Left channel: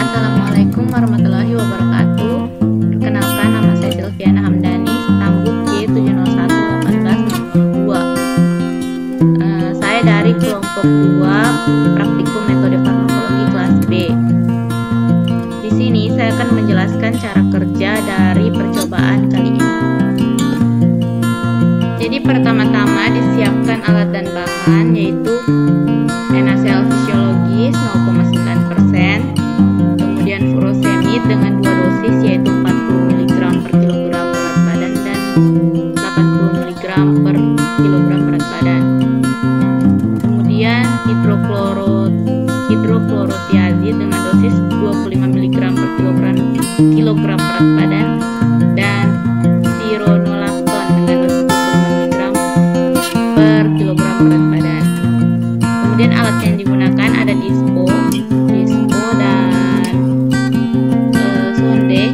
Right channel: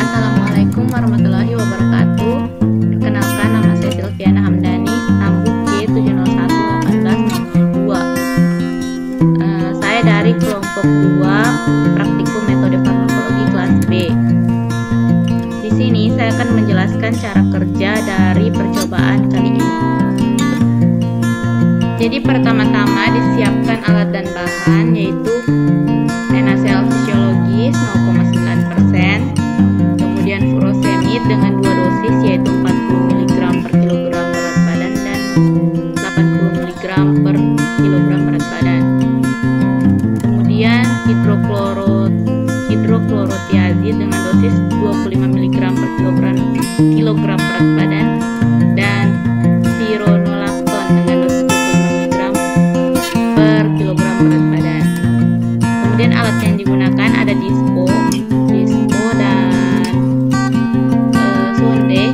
Assalamualaikum warahmatullahi wabarakatuh. Perkenalkan, nama saya Silviana Hamdani, stambuk J701180002. Saya dari kelompok 2 praktikum metode farmakologi kelas B. Di sini saya akan menjelaskan cara kerja dari percobaan kali ini. Jadi pertama-tama disiapkan alat dan bahan, yaitu NaCl fisiologis 0,9%, kemudian furosemid dengan 2 dosis, yaitu 40 mg per kilogram berat badan dan 80 mg per kilogram berat badan. Kemudian hidroklorotiazid dengan dosis 25 mg per kilogram berat badan dan spironolakton dengan dosis 25 mg per kilogram berat badan. Kemudian alat yang digunakan ada dispo dan sonde.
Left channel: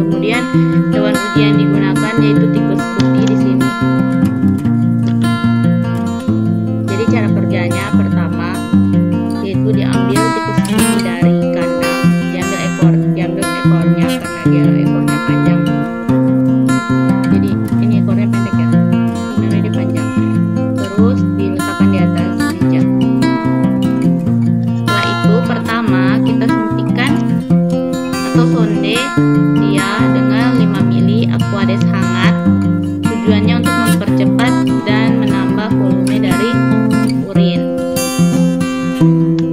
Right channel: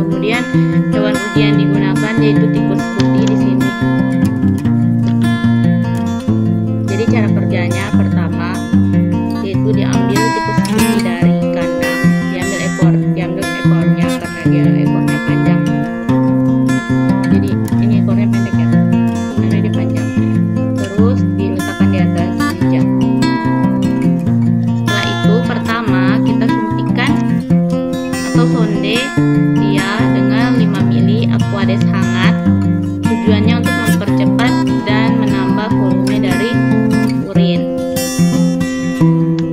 Kemudian hewan uji yang digunakan yaitu tikus putih di sini. Jadi cara kerjanya pertama yaitu diambil tikus putih dari kandang, diambil ekornya karena dia ekornya panjang. Jadi ini ekornya pendek ya, sebenarnya dia panjang. Terus diletakkan di atas meja. Setelah itu pertama kita suntikan atau sonde dia dengan 5 ml Aquades hangat. Tujuannya untuk mempercepat dan menambah volume dari urin.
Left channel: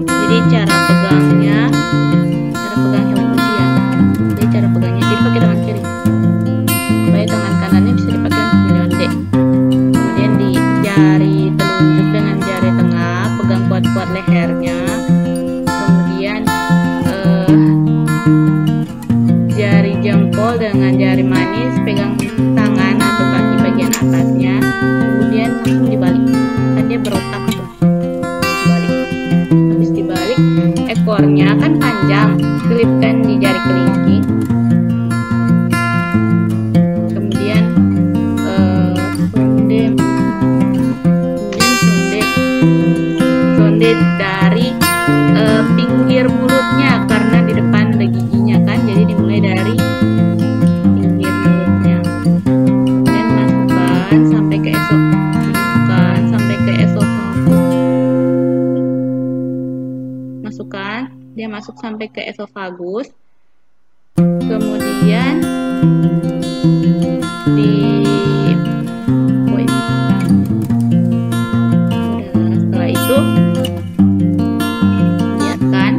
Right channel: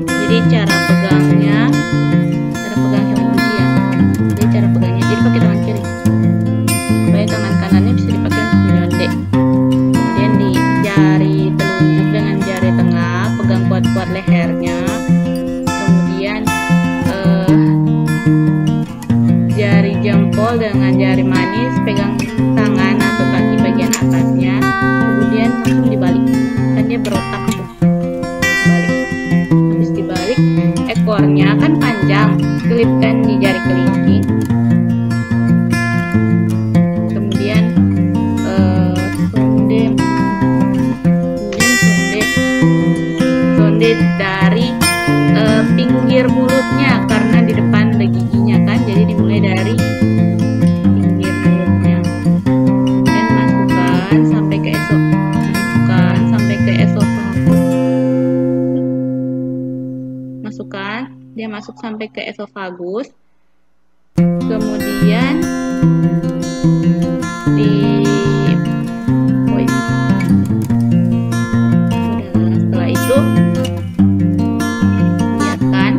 Jadi cara pegang hewan uji ya. Jadi cara pegangnya, jadi pakai tangan kiri supaya tangan kanannya bisa dipakai untuk menyonde. Kemudian di jari telunjuk dengan jari tengah pegang kuat-kuat lehernya. Kemudian jari jempol dengan jari manis pegang tangan atau kaki bagian atasnya. Kemudian langsung dibalik, kan dia berotak tuh, balik. Habis dibalik, ekornya kan panjang, selipkan di jari kelingking. Kemudian sonde dari pinggir mulutnya karena di depan ada giginya kan, jadi dimulai dari pinggir mulutnya. Kemudian masukkan sampai ke esofagus. Dia masuk sampai ke esofagus. Kemudian setelah itu biarkan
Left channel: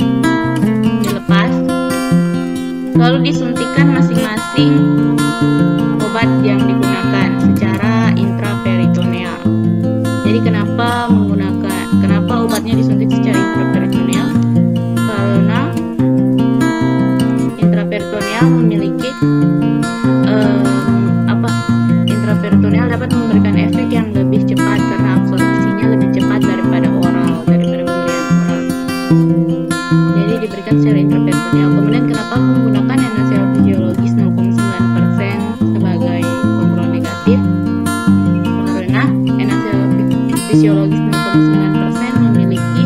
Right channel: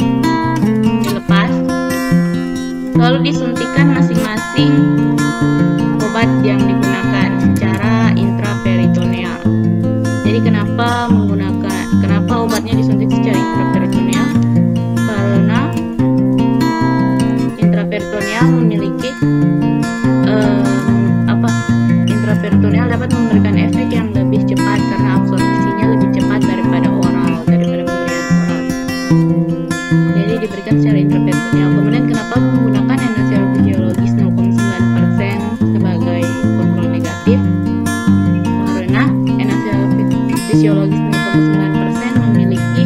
dilepas, lalu disuntikan masing-masing obat yang digunakan secara intraperitoneal. Jadi kenapa obatnya disuntik secara intraperitoneal? Karena intraperitoneal memiliki intraperitoneal dapat memberikan efek yang lebih cepat karena absorpsinya lebih cepat daripada pemberian oral. Jadi diberikan secara intraperitoneal. Kemudian kenapa menggunakan NaCl fisiologis 0,9% sebagai kontrol negatif? Karena NaCl fisiologis 0,9% memiliki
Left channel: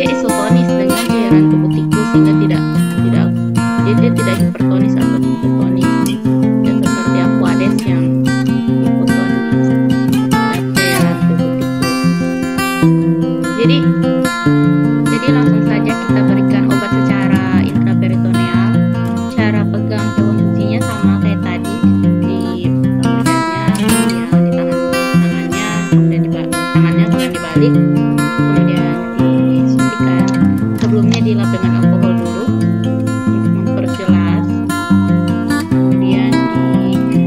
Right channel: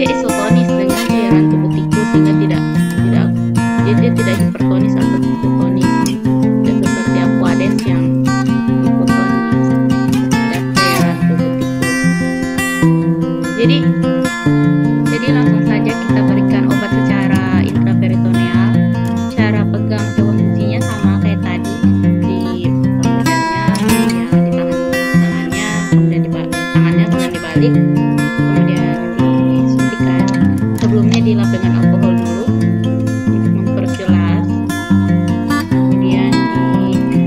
dia isotonis dengan cairan tubuh tikus sehingga dia tidak hipertonis atau hipotonis, tidak seperti Aquades yang hipotonis terhadap cairan tubuh tikus. Jadi langsung saja kita berikan obat secara intraperitoneal. Cara pegang hewan ujinya sama kayak tadi, di lehernya, kemudian ditahan tangannya, kemudian dibalik, kemudian disuntikan. Sebelumnya dilap dengan alkohol dulu untuk memperjelas, kemudian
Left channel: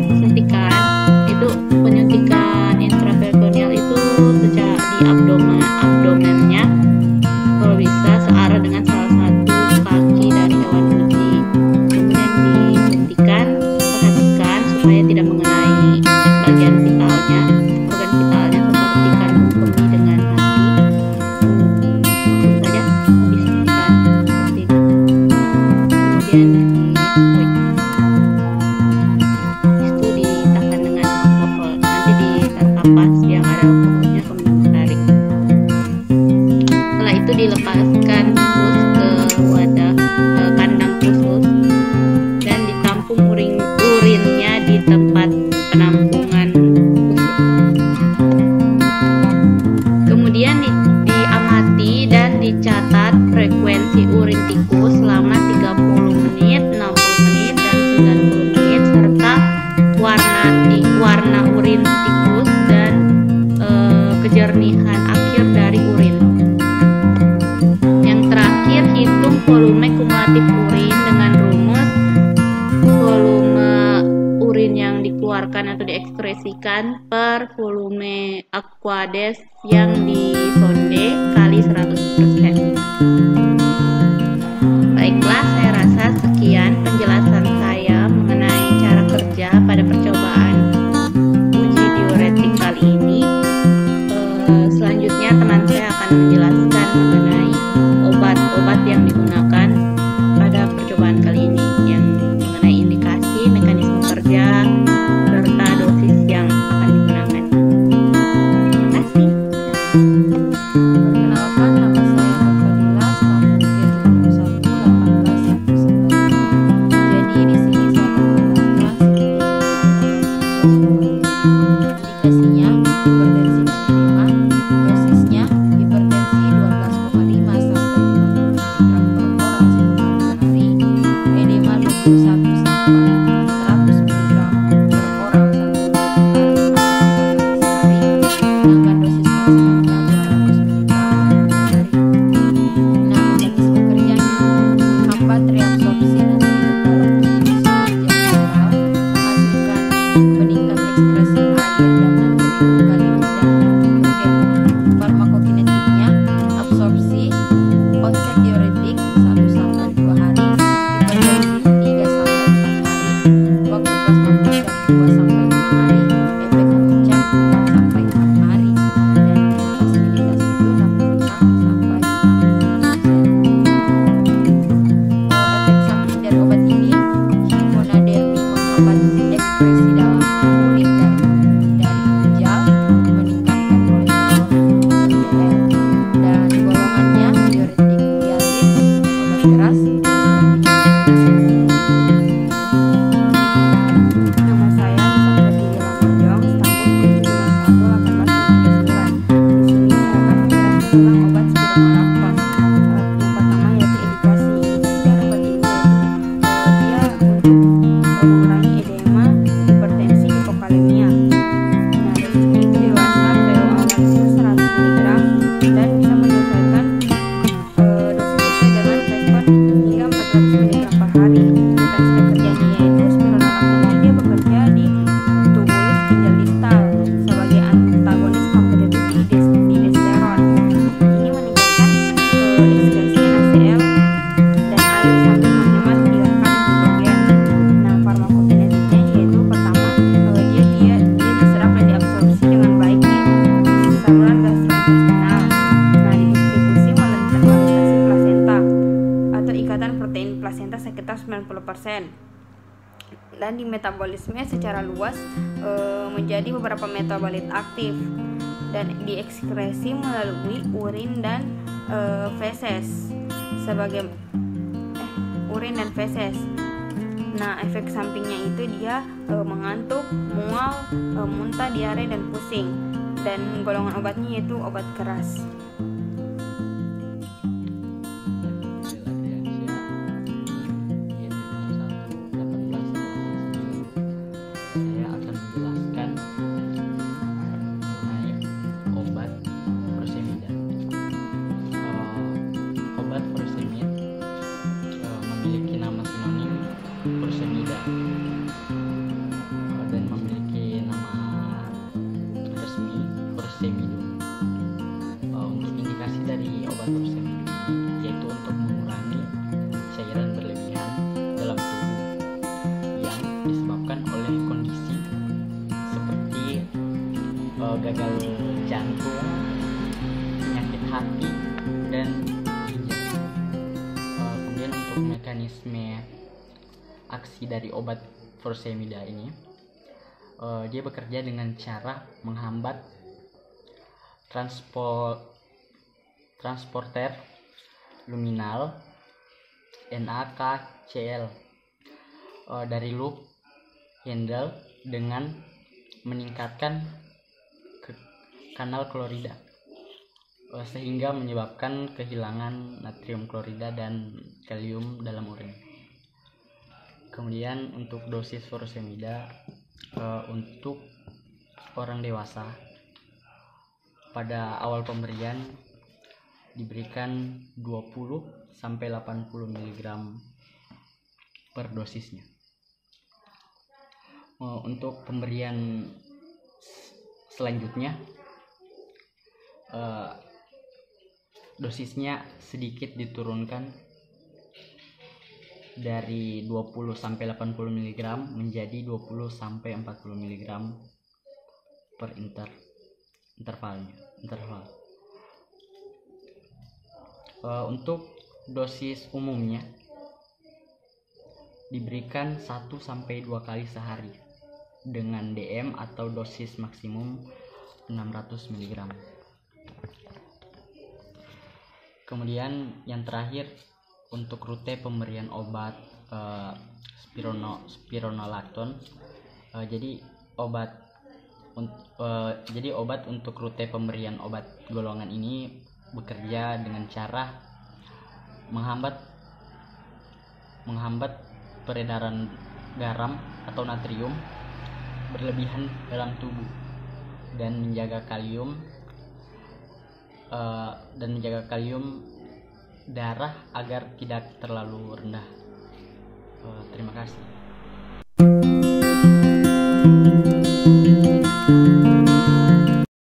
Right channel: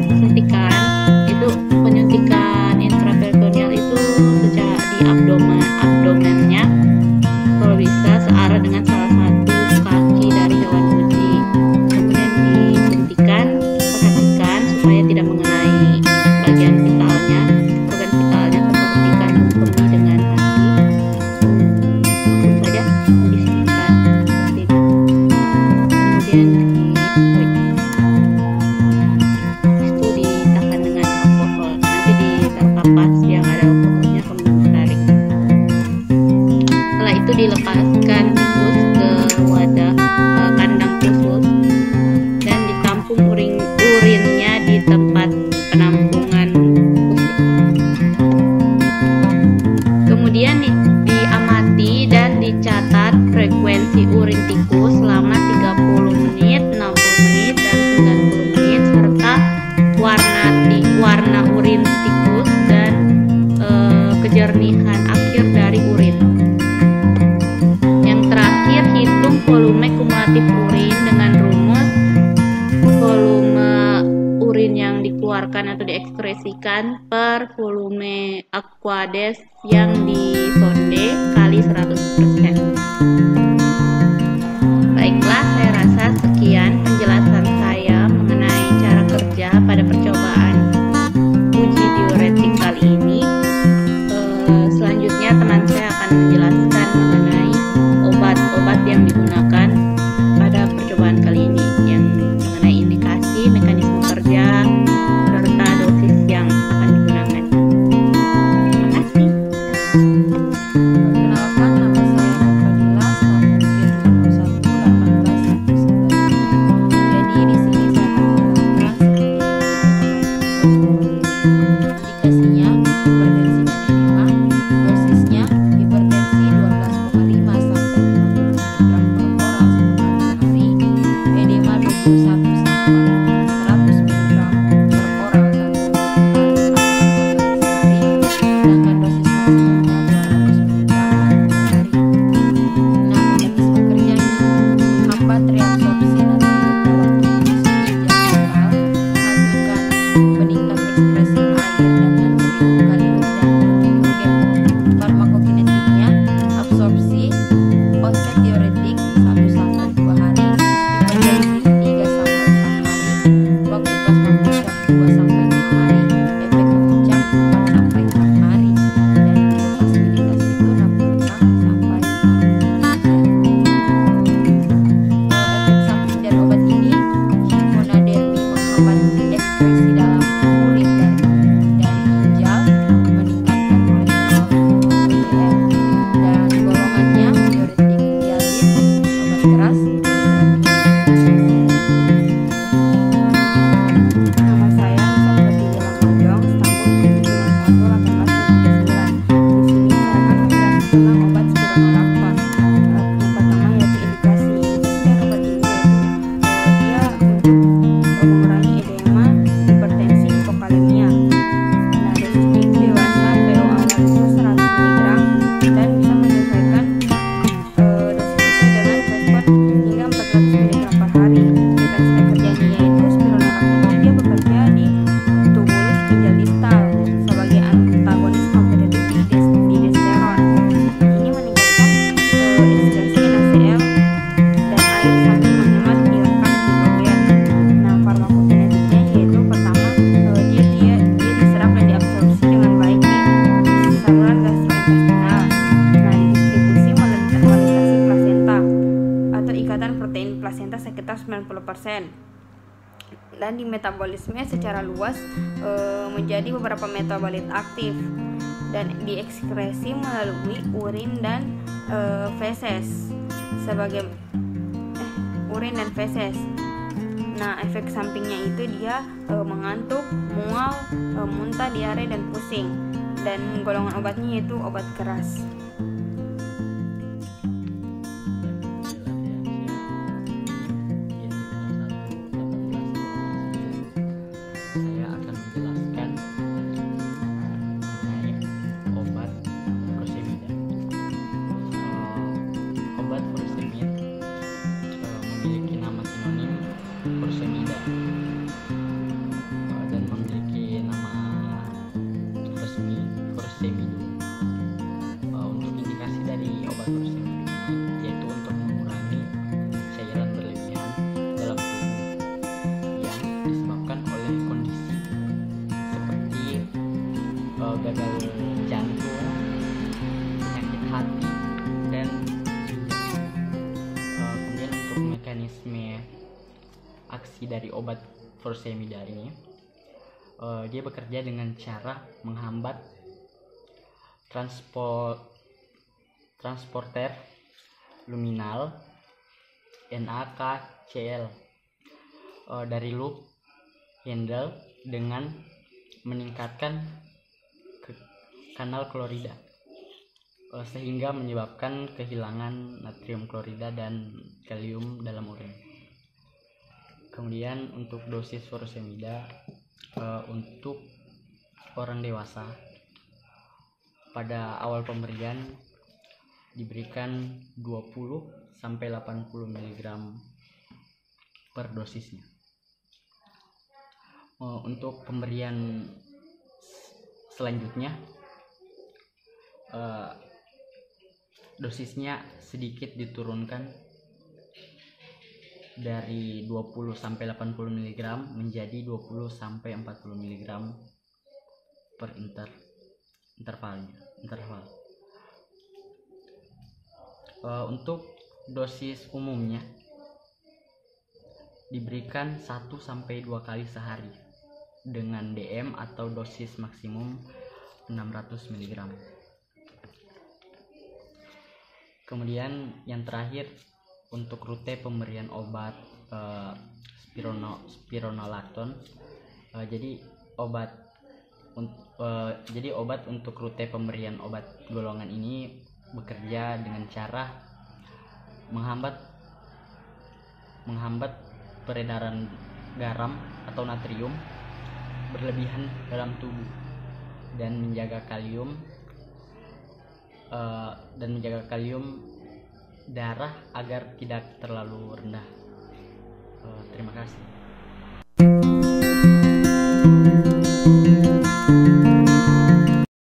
disuntikan. Itu penyuntikan intraperitoneal itu secara di abdomennya, kalau bisa searah dengan salah satu kaki dari hewan uji. Kemudian disuntikan, perhatikan supaya tidak mengenai bagian vitalnya, organ vitalnya seperti kandung kemih dengan hati. Langsung saja disuntikan seperti ini. Kemudian itu ditahan dengan alkohol, nanti ditaruh kapas yang ada alkoholnya, kemudian ditarik. Setelah itu dilepaskan tikus ke wadah kandang khusus dan ditampung urinnya di tempat penampungan khusus. Kemudian diamati dan dicatat frekuensi urin tikus selama 30 menit, 60 menit, dan 90 menit serta warna urin tikus dan kejernihan akhir dari urin. Yang terakhir, hitung volume kumulatif urin dengan rumus volume urin yang dikeluarkan atau diekskresikan per volume aqueous yang disonde kali 100%. Baiklah, saya rasa sekian penjelasan saya mengenai cara kerja pada percobaan uji diuretik kali ini. Selanjutnya teman saya akan menjelaskan mengenai obat-obat yang digunakan pada percobaan kali ini, yang mengenai indikasi, mekanisme kerja, serta dosis yang akan digunakan. Terima kasih. Perkenalkan, nama saya Nur Fadila, stambuk G701-18197. Jadi di sini saya akan menjelaskan sedikit mengenai obat hidrochlorothiazid. Indikasinya hipertensi dan edema, dosisnya hipertensi 12,5 sampai 50 mg per oral 1 kali sehari, edema 21 sampai 100 mg per oral 1 kali atau 2 kali sehari, sedangkan dosis maksimumnya 200 mg per hari. Nah, mekanisme kerjanya menghambat reabsorpsi natrium dalam tubulus ginjal distal, menghasilkan peningkat ekskresi air dan natrium, kalium, dan ion hidrogen. Farmakokinetiknya, absorpsi, onset diuretik 1-2 hari, hipertensi 3-4 hari, waktu plasma puncak 2-5 hari, efek memuncak 4-6 hari, dan biopasibilitasnya itu 65-67%. Efek samping dari obat ini, hiponadermi menghambat ekskresi dalam urin dari ginjal, meningkatkan kolesterol LDL, dan golongannya diuretik thiazid dan obat keras, terapinya diuretik. Nama saya Nisa Pratiwi Lamonjong, stambuk G701-18139. Di sini saya akan menjelaskan tentang obat spironolakton. Yang pertama yaitu indikasi. Indikasi dari obat ini yaitu dia untuk mengurangi edema, hipertensi, hipokalemia. Nah, dosisnya itu dewasa, PO awal itu 100 mg dan bisa menyesuaikan dosis sesuai dengan respon hingga 400 mg per hari. Mekanisme kerjanya yaitu spironolakton ini dia bekerja di tubulus ginjal distal sebagai antagonis kompetitif di desterone. Nah, ini meningkatkan ekskresi NaCl dan air sambil menghemat ion K dan hidrogen. Nah, farmakokinetiknya yaitu pertama dia diserap dan diabsorpsi dengan baik di saluran gastrointestinal. Nah, didistribusi melintasi plasenta atau ikatan protein plasenta sekitar 90%. Dan di metabolisme secara luas menjadi beberapa metabolit aktif dan diekskresi melalui urin dan feses sebagai urin dan feses. Nah, efek sampingnya itu dia mengantuk, mual, muntah, diare, dan pusing. Dan golongan obatnya yaitu obat keras. Saya akan menjelaskan mengenai obat furosemida. Obat furosemid memiliki nama sinonim furosemida dan memiliki nama resmi furosemidum. Untuk indikasi dari obat furosemidum ini yaitu untuk mengurangi cairan berlebihan dalam tubuh yang disebabkan oleh kondisi seperti gagal jantung, penyakit hati, dan ginjal. Kemudian untuk mekanisme aksi dari obat furosemida ini, dia bekerja dengan cara menghambat transporter luminal NaKCl dari loop handle dengan meningkatkan kanal klorida sehingga menyebabkan kehilangan natrium klorida dan kalium dalam urin. Kemudian untuk dosis furosemida untuk orang dewasa pada awal pemberian diberikan 20 sampai 80 mg per dosisnya. Untuk pemberian selanjutnya dosisnya sedikit diturunkan dari 20 sampai 80 mg menjadi 20 sampai 40 mg per interval. Untuk dosis umumnya diberikan 1 sampai 2 kali sehari dengan DM atau dosis maksimum 600 mg. Kemudian yang terakhir untuk rute pemberian obat spironolakton. Jadi obat untuk rute pemberian obat golongan ini bekerja dengan cara menghambat peredaran garam atau natrium berlebihan dalam tubuh dan menjaga kalium darah agar tidak terlalu rendah. Terima kasih.